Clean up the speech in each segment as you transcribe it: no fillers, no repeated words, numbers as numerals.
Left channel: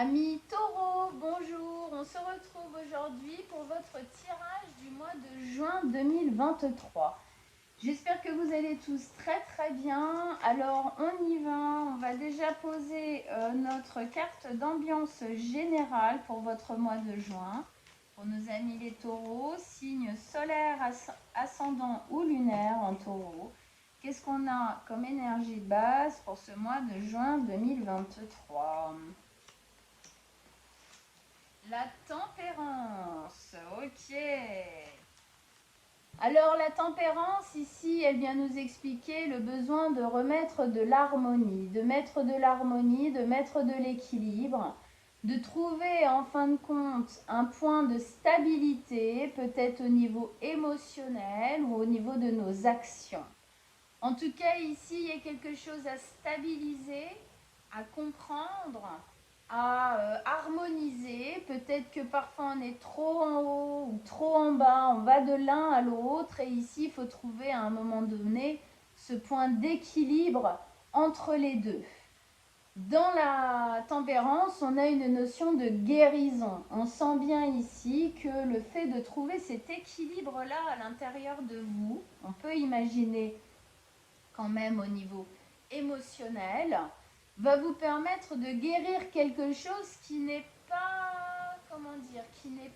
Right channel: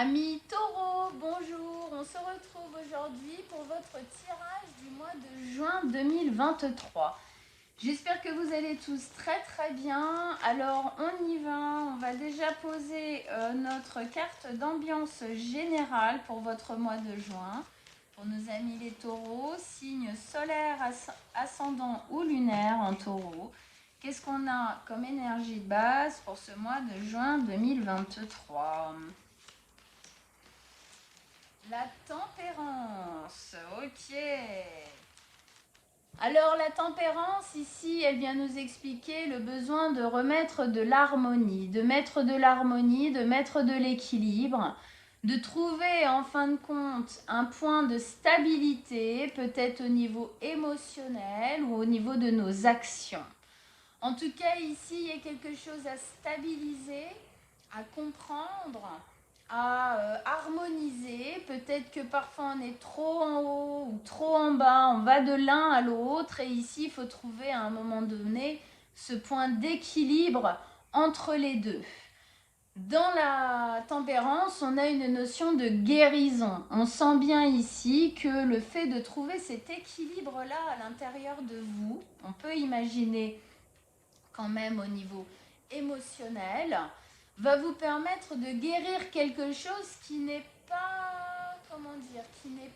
Amis taureaux, bonjour, on se retrouve aujourd'hui pour votre tirage du mois de juin 2023. J'espère que vous allez tous très bien. Alors on y va, on va déjà poser notre carte d'ambiance générale pour votre mois de juin. Pour nos amis les taureaux, signe solaire, ascendant ou lunaire en taureau. Qu'est-ce qu'on a comme énergie de base pour ce mois de juin 2023 ? La tempérance, ok. Alors la tempérance ici, elle vient nous expliquer le besoin de remettre de l'harmonie, de mettre de l'équilibre, de trouver en fin de compte un point de stabilité, peut-être au niveau émotionnel ou au niveau de nos actions. En tout cas ici, il y a quelque chose à stabiliser, à comprendre, à harmoniser. Peut-être que parfois on est trop en haut ou trop en bas, on va de l'un à l'autre et ici il faut trouver à un moment donné ce point d'équilibre entre les deux. Dans la tempérance, on a une notion de guérison. On sent bien ici que le fait de trouver cet équilibre-là à l'intérieur de vous, on peut imaginer quand même au niveau émotionnel, va vous permettre de guérir quelque chose qui n'est pas, comment dire, qui n'est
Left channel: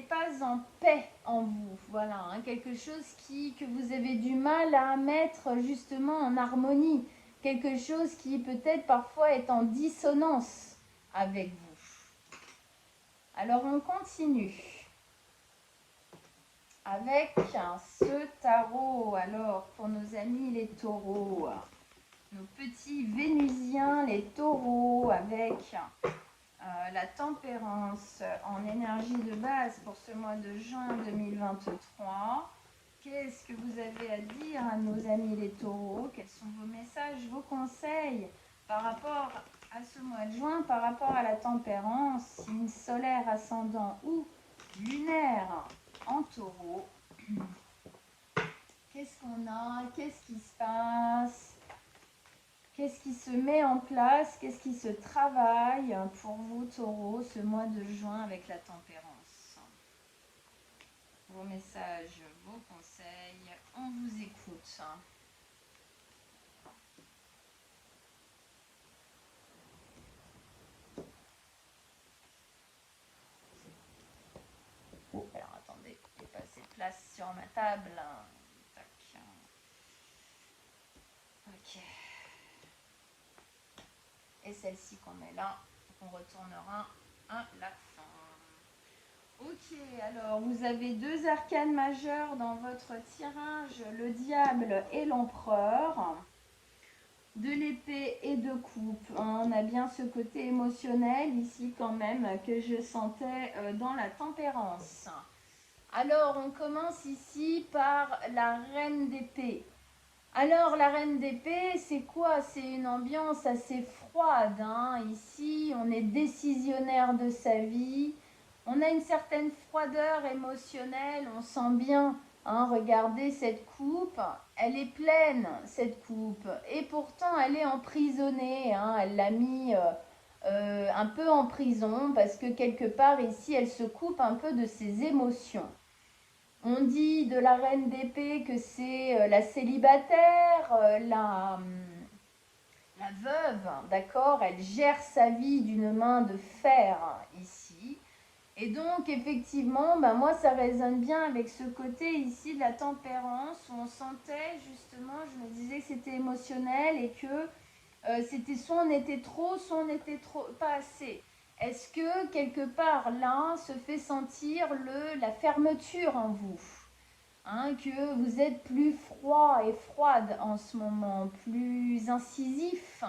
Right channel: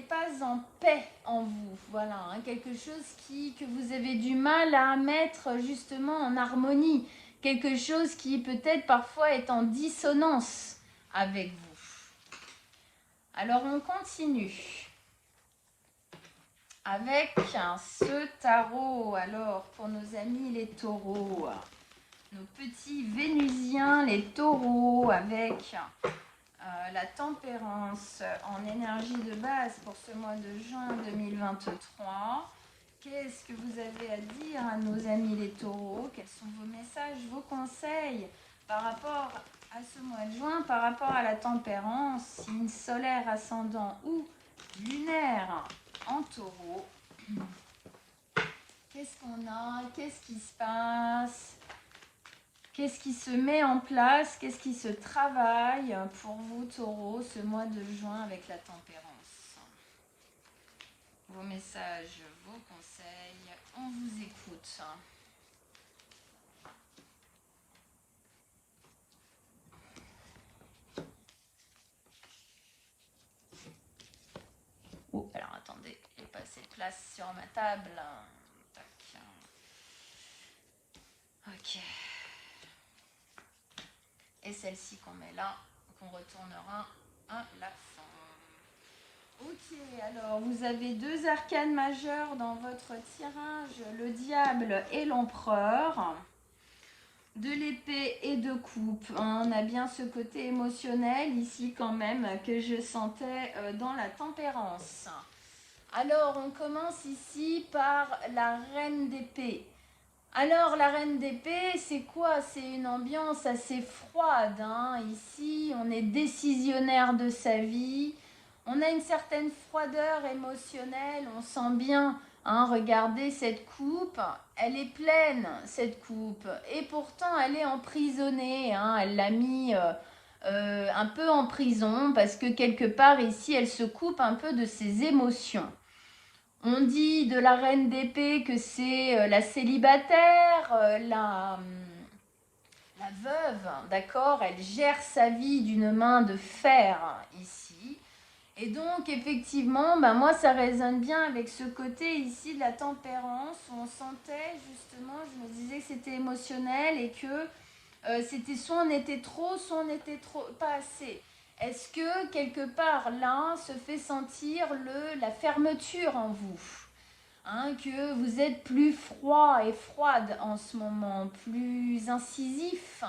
pas en paix en vous. Voilà, hein, quelque chose que vous avez du mal à mettre justement en harmonie, quelque chose qui peut-être parfois est en dissonance avec vous. Alors on continue avec ce tarot. Alors pour nos amis les taureaux, nos petits vénusiens les taureaux, avec la tempérance en énergie de base pour ce mois de juin 2023. Qu'est-ce que vous avez à dire à nos amis les taureaux? Quels sont vos messages, vos conseils par rapport à ce mois de juin, par rapport à la tempérance, signe solaire, ascendant ou lunaire en taureau? Qu'est-ce qu'on a? Qu'est-ce qui se passe? Qu'est-ce qui se met en place? Qu'est-ce qui se travaille pour vous, taureaux, ce mois de juin avec la tempérance? Vos messages, vos conseils, on vous écoute. Oh, alors attendez, j'ai pas assez de place sur ma table. Tac. Ok. Et celle-ci qu'on met là, qu'on retournera à la fin. Ok, alors vous avez deux arcanes majeures dans votre tirage, le diable et l'empereur, de l'épée et de coupe. On a bien ce côté émotionnel ici quand même que je sentais dans la tempérance. Alors on commence ici par la reine d'épée. Alors la reine d'épée, c'est quoi? C'est une ambiance assez froide, hein. Ici, on est décisionnaire de sa vie. On a une certaine froideur émotionnelle. On sent bien, hein, regardez cette coupe. Elle est pleine, cette coupe. Et pourtant, elle est emprisonnée, hein. Elle l'a mis un peu en prison parce que quelque part ici, elle se coupe un peu de ses émotions. On dit de la reine d'épée que c'est la célibataire, la veuve, d'accord? Elle gère sa vie d'une main de fer ici. Et donc, effectivement, ben moi, ça résonne bien avec ce côté ici de la tempérance, où on sentait justement, je me disais que c'était émotionnel et que c'était soit on était trop, soit on était trop, pas assez. Est-ce que quelque part là se fait sentir la fermeture en vous, hein, que vous êtes plus froid et froide en ce moment, plus incisif?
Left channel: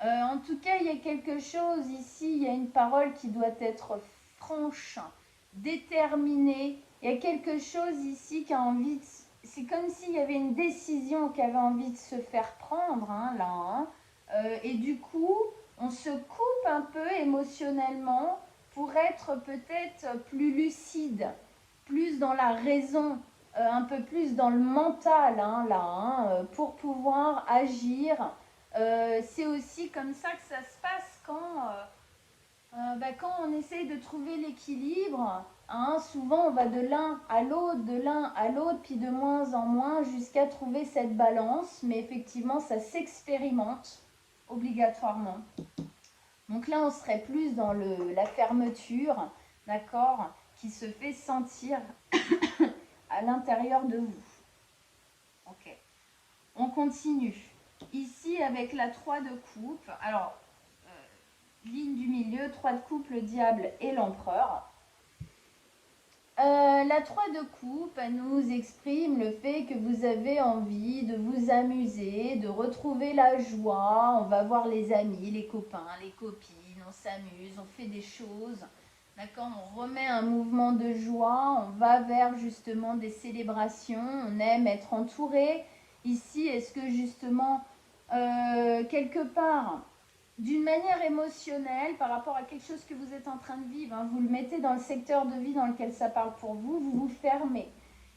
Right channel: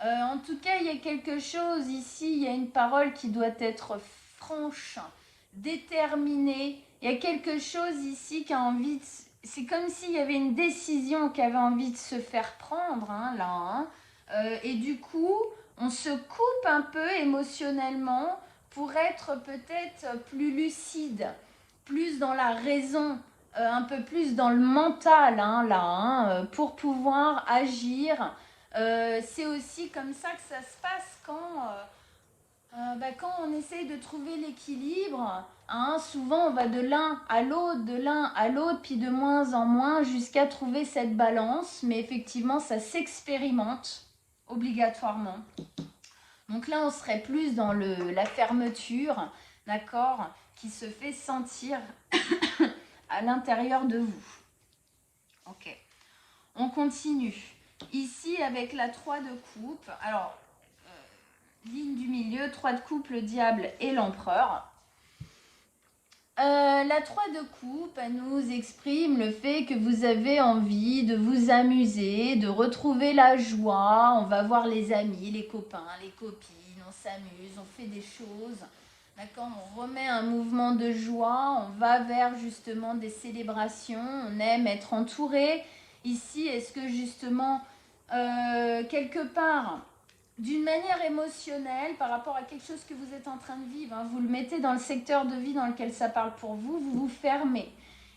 En tout cas, il y a quelque chose ici, il y a une parole qui doit être franche, déterminée. Il y a quelque chose ici qui a envie de... C'est comme s'il y avait une décision qui avait envie de se faire prendre, hein, là. Hein. Et du coup, on se coupe un peu émotionnellement pour être peut-être plus lucide, plus dans la raison, un peu plus dans le mental, hein, là, hein, pour pouvoir agir c'est aussi comme ça que ça se passe quand on essaye de trouver l'équilibre. Hein, souvent, on va de l'un à l'autre, puis de moins en moins jusqu'à trouver cette balance. Mais effectivement, ça s'expérimente obligatoirement. Donc là, on serait plus dans la fermeture, d'accord, qui se fait sentir à l'intérieur de vous. Ok, on continue. Ici, avec la 3 de coupe, alors, ligne du milieu, 3 de coupe, le diable et l'empereur. La 3 de coupe, elle nous exprime le fait que vous avez envie de vous amuser, de retrouver la joie. On va voir les amis, les copains, les copines, on s'amuse, on fait des choses. D'accord, on remet un mouvement de joie, on va vers justement des célébrations, on aime être entouré. Ici, est-ce que justement, quelque part, d'une manière émotionnelle, par rapport à quelque chose que vous êtes en train de vivre, hein, vous le mettez dans le secteur de vie dans lequel ça parle pour vous, vous vous fermez.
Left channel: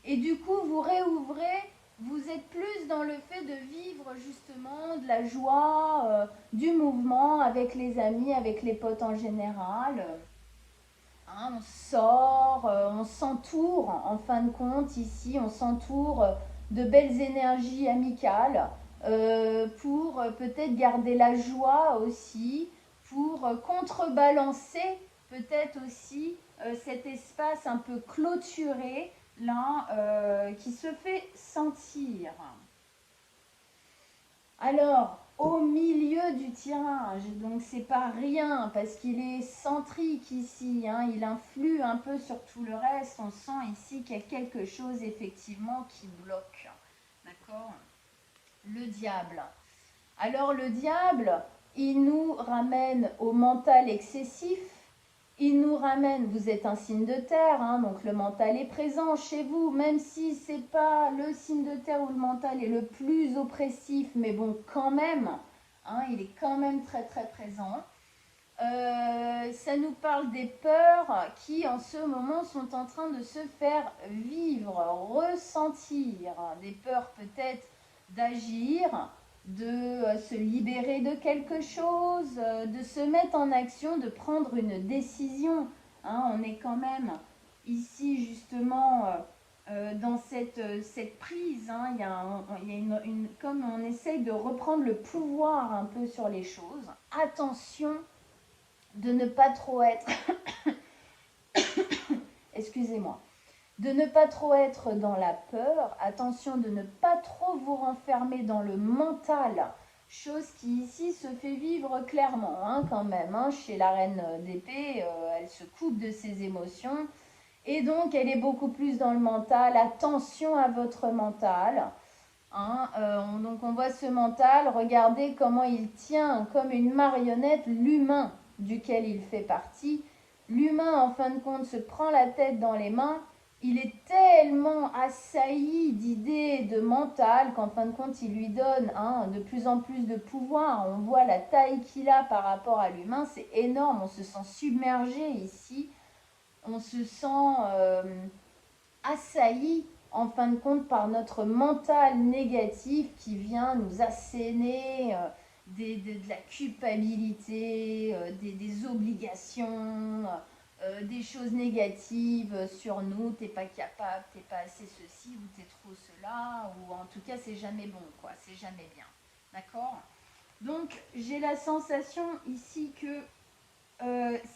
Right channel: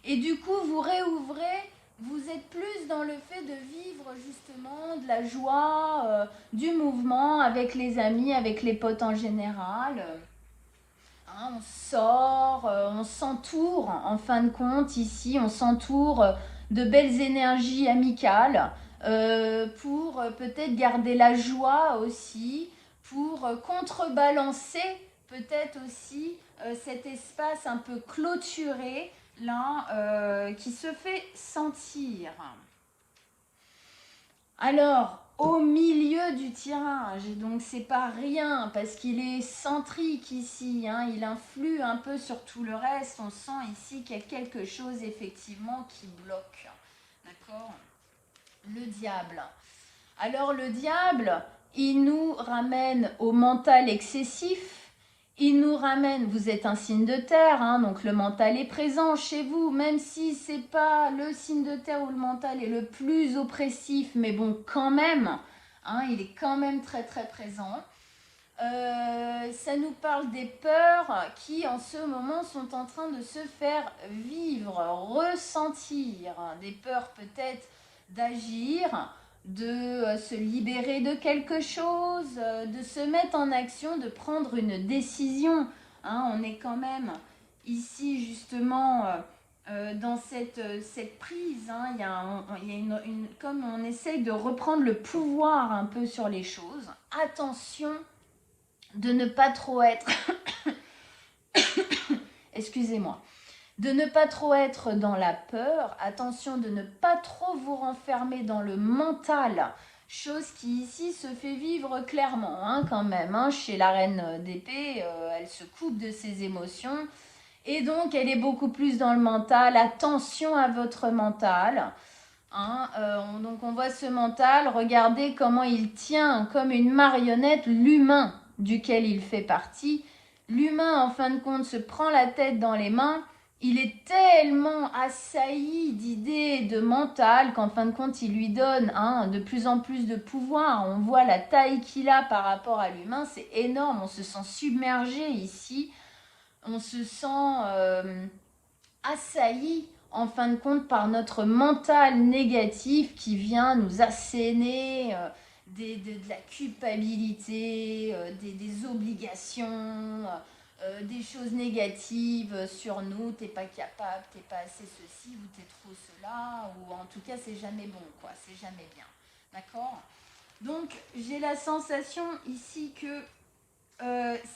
Et du coup, vous réouvrez, vous êtes plus dans le fait de vivre justement de la joie, du mouvement avec les amis, avec les potes en général. Hein, on sort, on s'entoure, en fin de compte, ici, on s'entoure de belles énergies amicales pour peut-être garder la joie aussi, pour contrebalancer peut-être aussi cet espace un peu clôturé là qui se fait sentir. Alors, au milieu du tirage, donc c'est pas rien parce qu'il est centrique ici, hein, il influe un peu sur tout le reste. On sent ici qu'il y a quelque chose effectivement qui bloque. D'accord ? Le diable. Alors le diable, il nous ramène au mental excessif. Il nous ramène, vous êtes un signe de terre, hein, donc le mental est présent chez vous, même si ce n'est pas le signe de terre où le mental est le plus oppressif, mais bon, quand même, hein, il est quand même très très présent. Ça nous parle des peurs qui en ce moment sont en train de se faire vivre, ressentir, des peurs peut-être d'agir, de se libérer de quelque chose, de se mettre en action, de prendre une décision. Hein, on est quand même ici justement dans cette prise. Hein, il y a comme on essaye de reprendre le pouvoir un peu sur les choses. Attention de ne pas trop être... Excusez-moi. De ne pas trop être dans la peur, attention de ne pas trop vous renfermer dans le mental, chose qui ici se fait vivre clairement hein, quand même. Hein, chez la reine d'épée, elle se coupe de ses émotions et donc elle est beaucoup plus dans le mental. Attention à votre mental. Hein, donc on voit ce mental, regardez comment il tient comme une marionnette l'humain duquel il fait partie. L'humain en fin de compte se prend la tête dans les mains. Il est tellement assailli d'idées, de mental, qu'en fin de compte, il lui donne hein, de plus en plus de pouvoir. On voit la taille qu'il a par rapport à l'humain, c'est énorme. On se sent submergé ici. On se sent assailli, en fin de compte, par notre mental négatif qui vient nous asséner de la culpabilité, des obligations, des choses négatives sur nous, t'es pas capable, t'es pas assez ceci ou t'es trop cela, ou en tout cas c'est jamais bon quoi, c'est jamais bien, d'accord? Donc j'ai la sensation ici que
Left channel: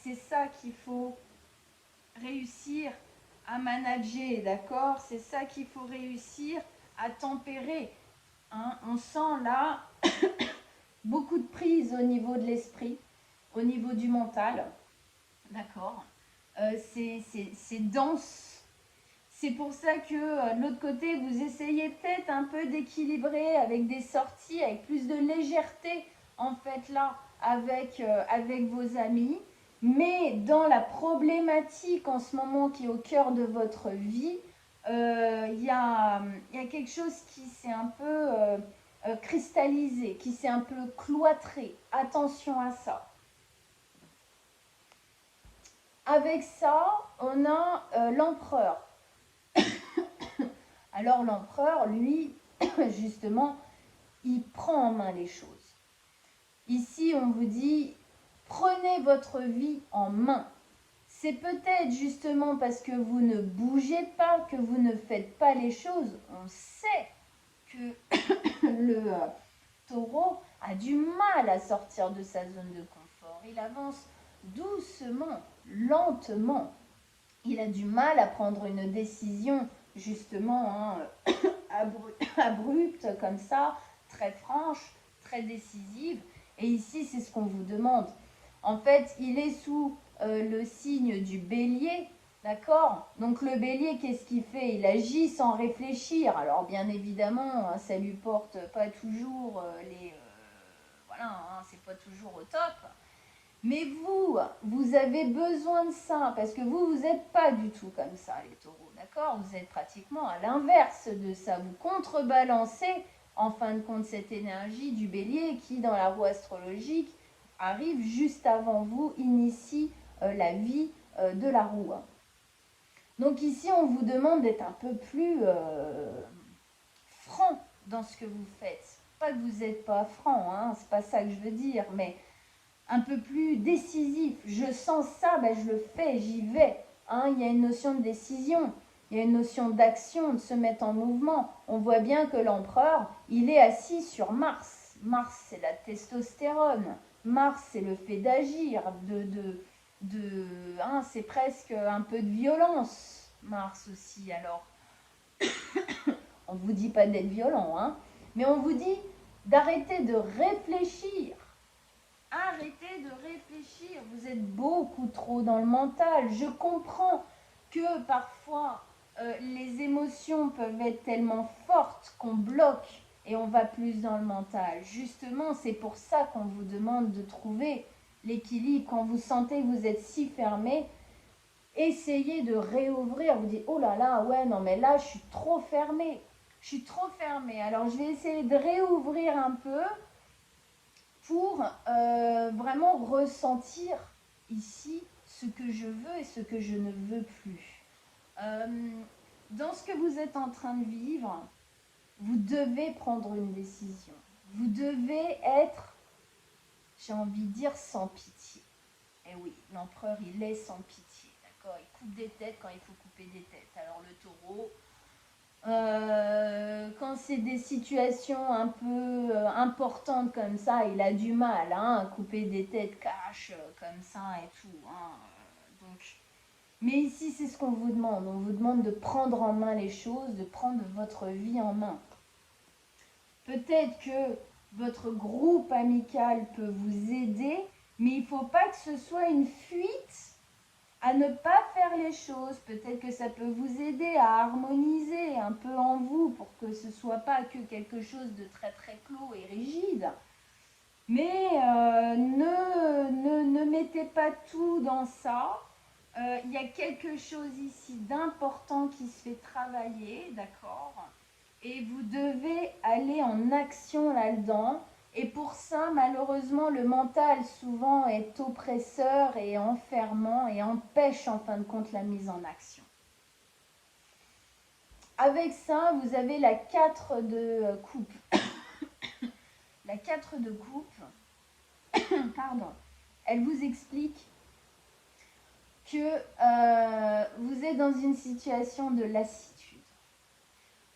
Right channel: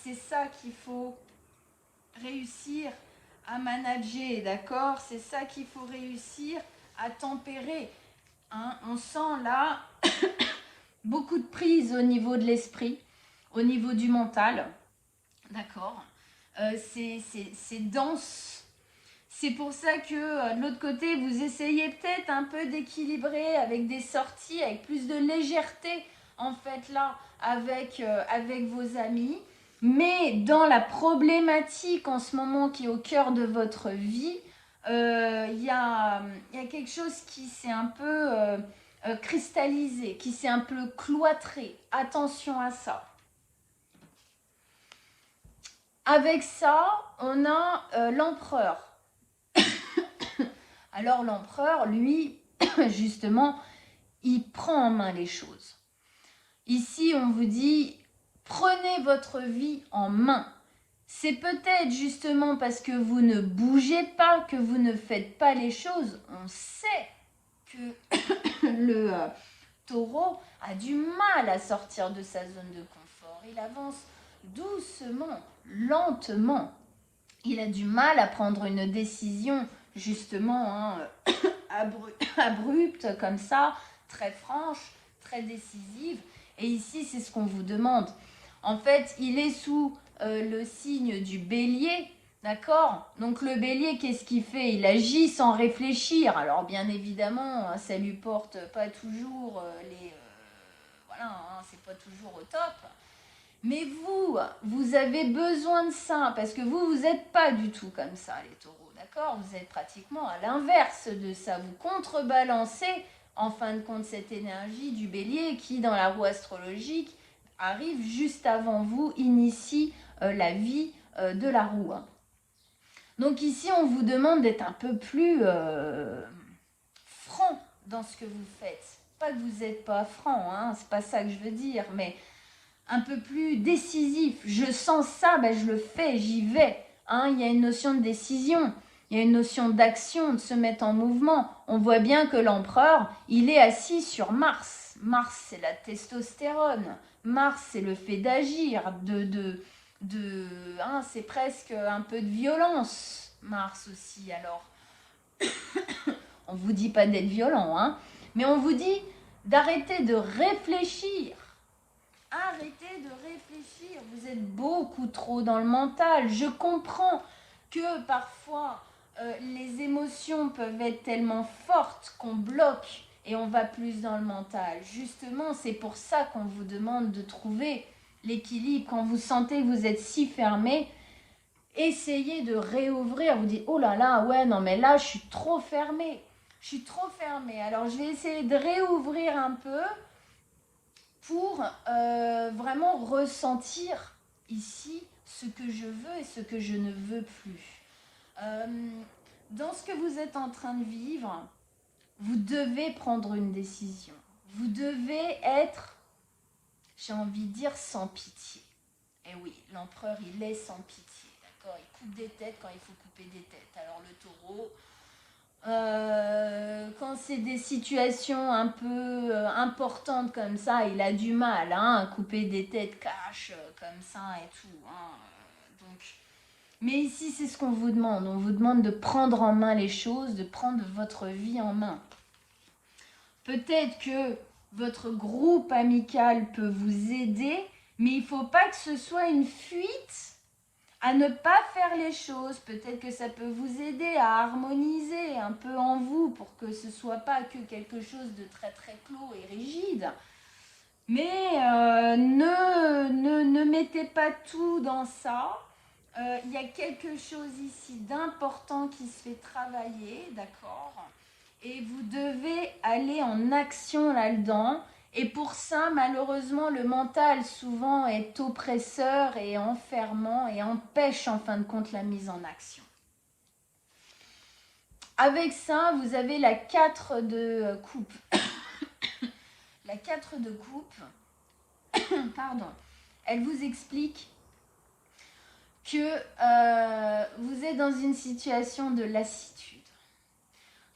c'est ça qu'il faut réussir à manager, d'accord? C'est ça qu'il faut réussir à tempérer, hein? On sent là beaucoup de prise au niveau de l'esprit, au niveau du mental, d'accord? C'est dense. C'est pour ça que de l'autre côté, vous essayez peut-être un peu d'équilibrer avec des sorties, avec plus de légèreté, en fait, là, avec vos amis. Mais dans la problématique en ce moment qui est au cœur de votre vie, il y a quelque chose qui s'est un peu cristallisé, qui s'est un peu cloîtré. Attention à ça. Avec ça, on a l'empereur. Alors l'empereur, lui, justement, il prend en main les choses. Ici, on vous dit, prenez votre vie en main. C'est peut-être justement parce que vous ne bougez pas, que vous ne faites pas les choses. On sait que le taureau a du mal à sortir de sa zone de confort. Il avance doucement, lentement. Il a du mal à prendre une décision justement abrupte comme ça, très franche, très décisive. Et ici, c'est ce qu'on vous demande. En fait, il est sous le signe du bélier, d'accord? Donc le bélier, qu'est-ce qu'il fait? Il agit sans réfléchir. Alors bien évidemment, ça lui porte pas toujours voilà, hein, c'est pas toujours au top. Mais vous avez besoin de ça, parce que vous n'êtes pas du tout comme ça, les taureaux, d'accord? Vous êtes pratiquement à l'inverse de ça. Vous contrebalancez, en fin de compte, cette énergie du bélier qui, dans la roue astrologique, arrive juste avant vous, initie la vie de la roue. Donc ici, on vous demande d'être un peu plus franc dans ce que vous faites. Pas que vous n'êtes pas franc, hein, c'est pas ça que je veux dire, mais un peu plus décisif. Je sens ça, ben je le fais, j'y vais. Hein, il y a une notion de décision, il y a une notion d'action, de se mettre en mouvement. On voit bien que l'empereur, il est assis sur Mars. Mars, c'est la testostérone. Mars, c'est le fait d'agir, hein, c'est presque un peu de violence. Mars aussi, alors. On vous dit pas d'être violent, hein, mais on vous dit d'arrêter de réfléchir. Arrêtez de réfléchir, vous êtes beaucoup trop dans le mental. Je comprends que parfois les émotions peuvent être tellement fortes qu'on bloque et on va plus dans le mental. Justement, c'est pour ça qu'on vous demande de trouver l'équilibre. Quand vous sentez que vous êtes si fermé, essayez de réouvrir. Vous dites, oh là là, ouais, non mais là, je suis trop fermé. Je suis trop fermé. Alors, je vais essayer de réouvrir un peu pour vraiment ressentir ici ce que je veux et ce que je ne veux plus. Dans ce que vous êtes en train de vivre, vous devez prendre une décision. Vous devez être, j'ai envie de dire, sans pitié. Et oui, l'empereur, il est sans pitié, d'accord? Il coupe des têtes quand il faut couper des têtes. Alors le taureau, quand c'est des situations un peu importantes comme ça, il a du mal à couper des têtes cash comme ça et tout. Donc, mais ici, c'est ce qu'on vous demande. On vous demande de prendre en main les choses, de prendre votre vie en main. Peut-être que votre groupe amical peut vous aider, mais il ne faut pas que ce soit une fuite à ne pas faire les choses. Peut-être que ça peut vous aider à harmoniser un peu en vous pour que ce ne soit pas que quelque chose de très très clos et rigide. Mais ne mettez pas tout dans ça. Il y a quelque chose ici d'important qui se fait travailler, d'accord? Et vous devez aller en action là-dedans. Et pour ça, malheureusement, le mental souvent est oppresseur et enfermant et empêche en fin de compte la mise en action. Avec ça, vous avez la 4 de coupe. La 4 de coupe, pardon, elle vous explique que vous êtes dans une situation de lassitude.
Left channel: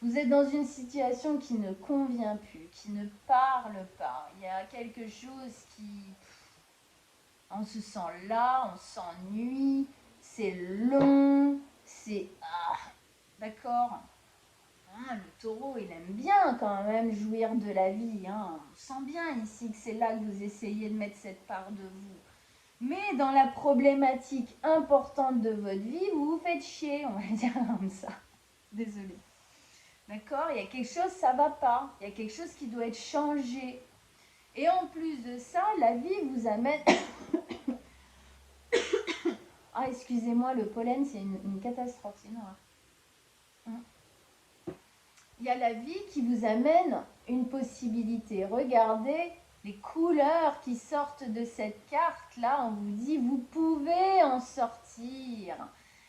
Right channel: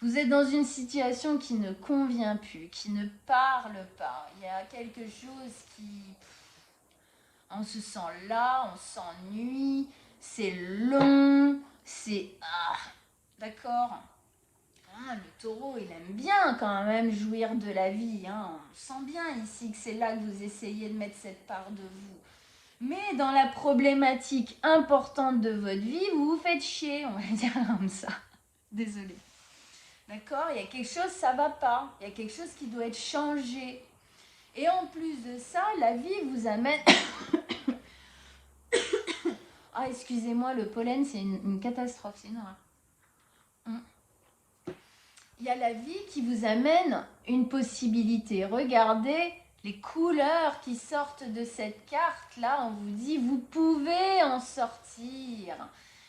Vous êtes dans une situation qui ne convient plus, qui ne parle pas. Il y a quelque chose qui... On se sent là, on s'ennuie, c'est long, c'est... d'accord. Le taureau, il aime bien quand même jouir de la vie. On sent bien ici que c'est là que vous essayez de mettre cette part de vous. Mais dans la problématique importante de votre vie, vous vous faites chier, on va dire comme ça. Désolée. D'accord? Il y a quelque chose, ça ne va pas. Il y a quelque chose qui doit être changé. Et en plus de ça, la vie vous amène... excusez-moi, le pollen, c'est une catastrophe, c'est une horreur. Il y a la vie qui vous amène une possibilité. Regardez les couleurs qui sortent de cette carte-là. On vous dit, vous pouvez en sortir.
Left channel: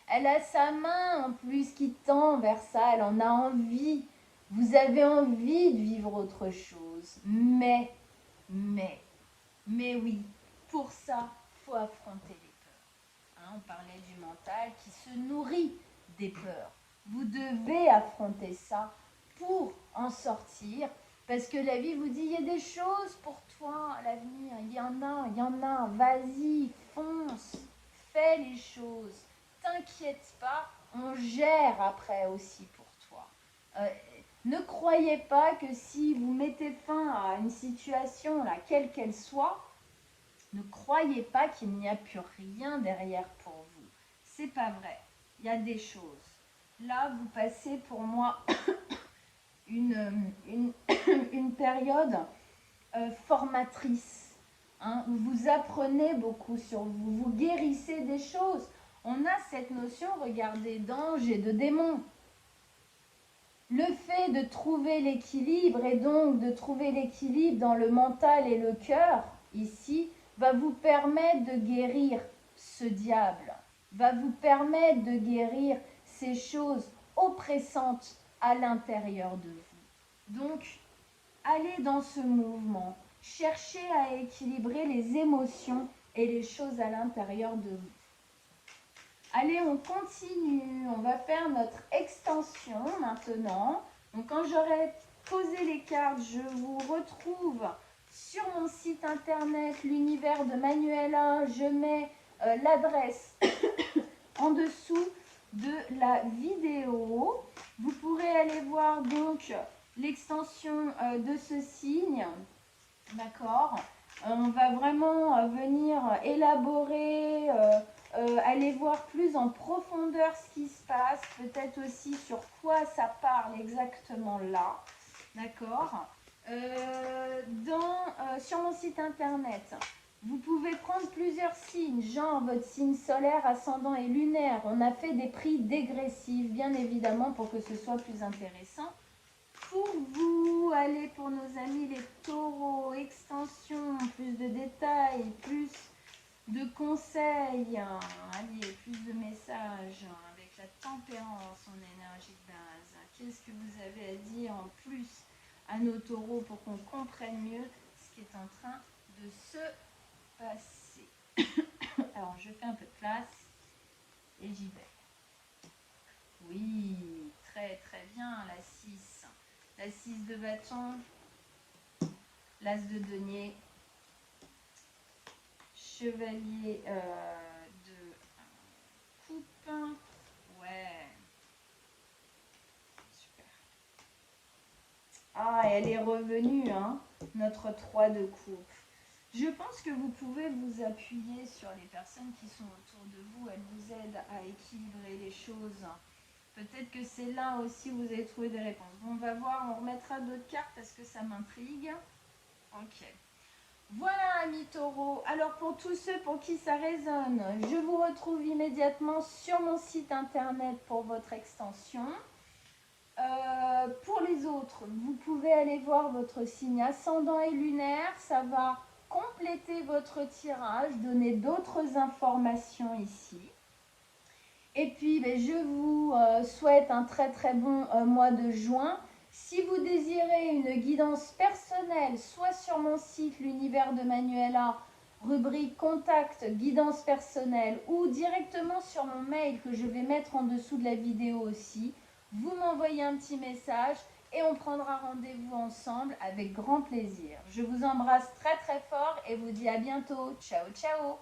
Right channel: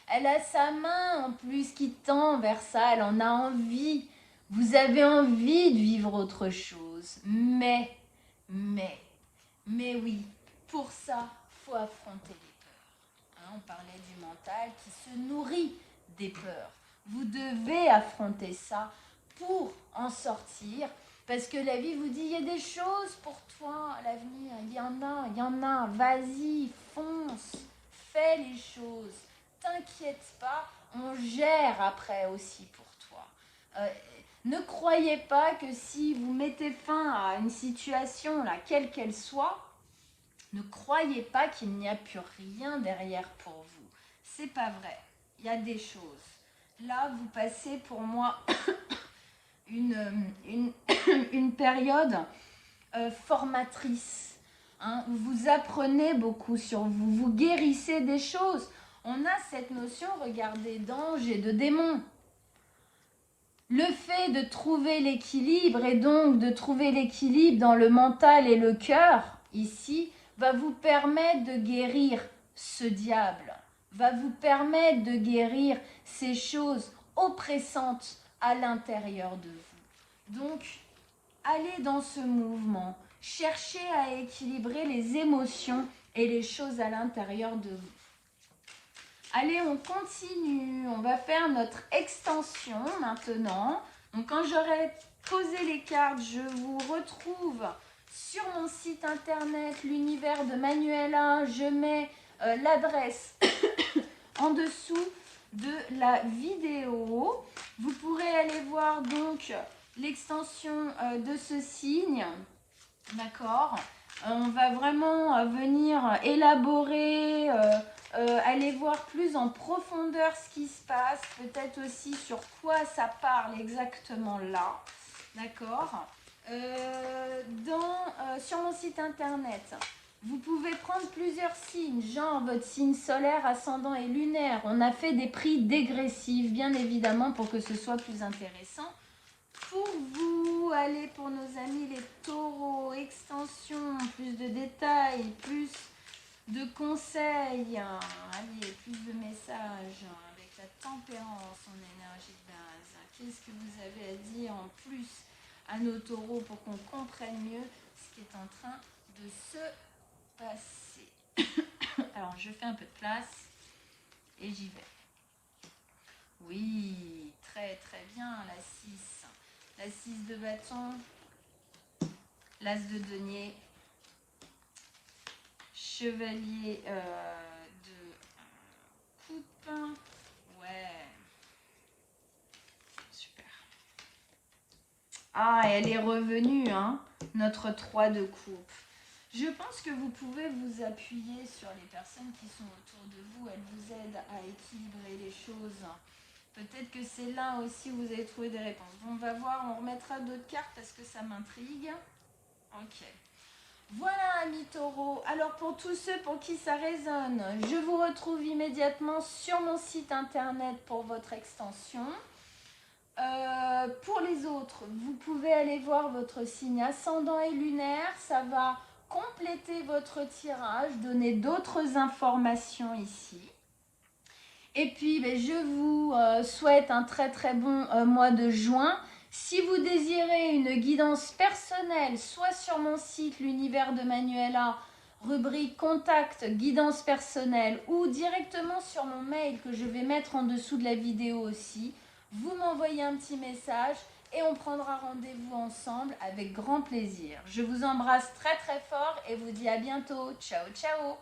Elle a sa main en plus qui tend vers ça. Elle en a envie. Vous avez envie de vivre autre chose. Mais, Mais oui, pour ça, il faut affronter les peurs. Hein, on parlait du mental qui se nourrit des peurs. Vous devez affronter ça pour en sortir. Parce que la vie vous dit, il y a des choses pour toi à l'avenir. Il y en a. Vas-y, fonce, fais les choses. T'inquiète pas, on gère après aussi pour toi. Ne croyez pas que si vous mettez fin à une situation, là, quelle qu'elle soit, ne croyez pas qu'il n'y a plus rien derrière pour vous. C'est pas vrai. Il y a des choses. Là, vous passez pour moi une période formatrice. Hein, où vous apprenez beaucoup sur vous, vous guérissez des choses. On a cette notion, regardez, d'ange et de démon. Le fait de trouver l'équilibre et donc de trouver l'équilibre dans le mental et le cœur, ici, va vous permettre de guérir ce diable, va vous permettre de guérir ces choses oppressantes à l'intérieur de vous. Donc, allez dans ce mouvement, cherchez à équilibrer les émotions et les choses à l'intérieur de vous. Allez, on continue. On va faire notre extension maintenant. Donc, quand j'aurai posé les cartes, je vous retrouve sur mon site internet, l'univers de Manuela. Je mets l'adresse en dessous de la vidéo. Vous pourrez aller voir donc l'extension de ce signe. D'accord ? On va vraiment venir élaborer... allez voir plus en profondeur ce qui se passe, peut-être aussi sur quoi ça parle exactement là, d'accord. Sur mon site internet, vous pouvez prendre plusieurs signes, genre votre signe solaire, ascendant et lunaire. On a fait des prix dégressifs, bien évidemment, pour que ce soit plus intéressant. Pour vous, allez pour nos amis les taureaux, extension, plus de détails, plus de conseils, allez, plus de messages avec la tempérance en énergie de base. Qu'est-ce que vous avez à dire en plus à nos taureaux pour qu'on comprenne mieux ce qui est en train de se passer? Alors, je fais un peu de place et j'y vais. Oui, très très bien, la 6. La 6 de bâton, l'as de denier, chevalier de coupe. Ouais. Super. Ah, elle est revenue, hein, notre 3 de coupe. Je pense que vous pouvez vous appuyer sur les personnes qui sont autour de vous. Elles vous aident à équilibrer les choses. Peut-être que c'est là aussi où vous avez trouvé des réponses. Bon, on va voir, on remettra d'autres cartes parce que ça m'intrigue. Ok. Voilà, amis taureaux. Alors, pour tous ceux pour qui ça résonne, je vous retrouve immédiatement sur mon site internet pour votre extension. Pour les autres, vous pouvez aller voir votre signe ascendant et lunaire. Ça va compléter votre tirage, donner d'autres informations ici. Et puis, je vous souhaite un très très bon mois de juin. Si vous désirez une guidance personnelle, soit sur mon site l'univers de Manuela, rubrique contact, guidance personnelle, ou directement sur mon mail que je vais mettre en dessous de la vidéo aussi, vous m'envoyez un petit message et on prendra rendez-vous ensemble avec grand plaisir. Je vous embrasse très très fort et vous dis à bientôt. Ciao ciao.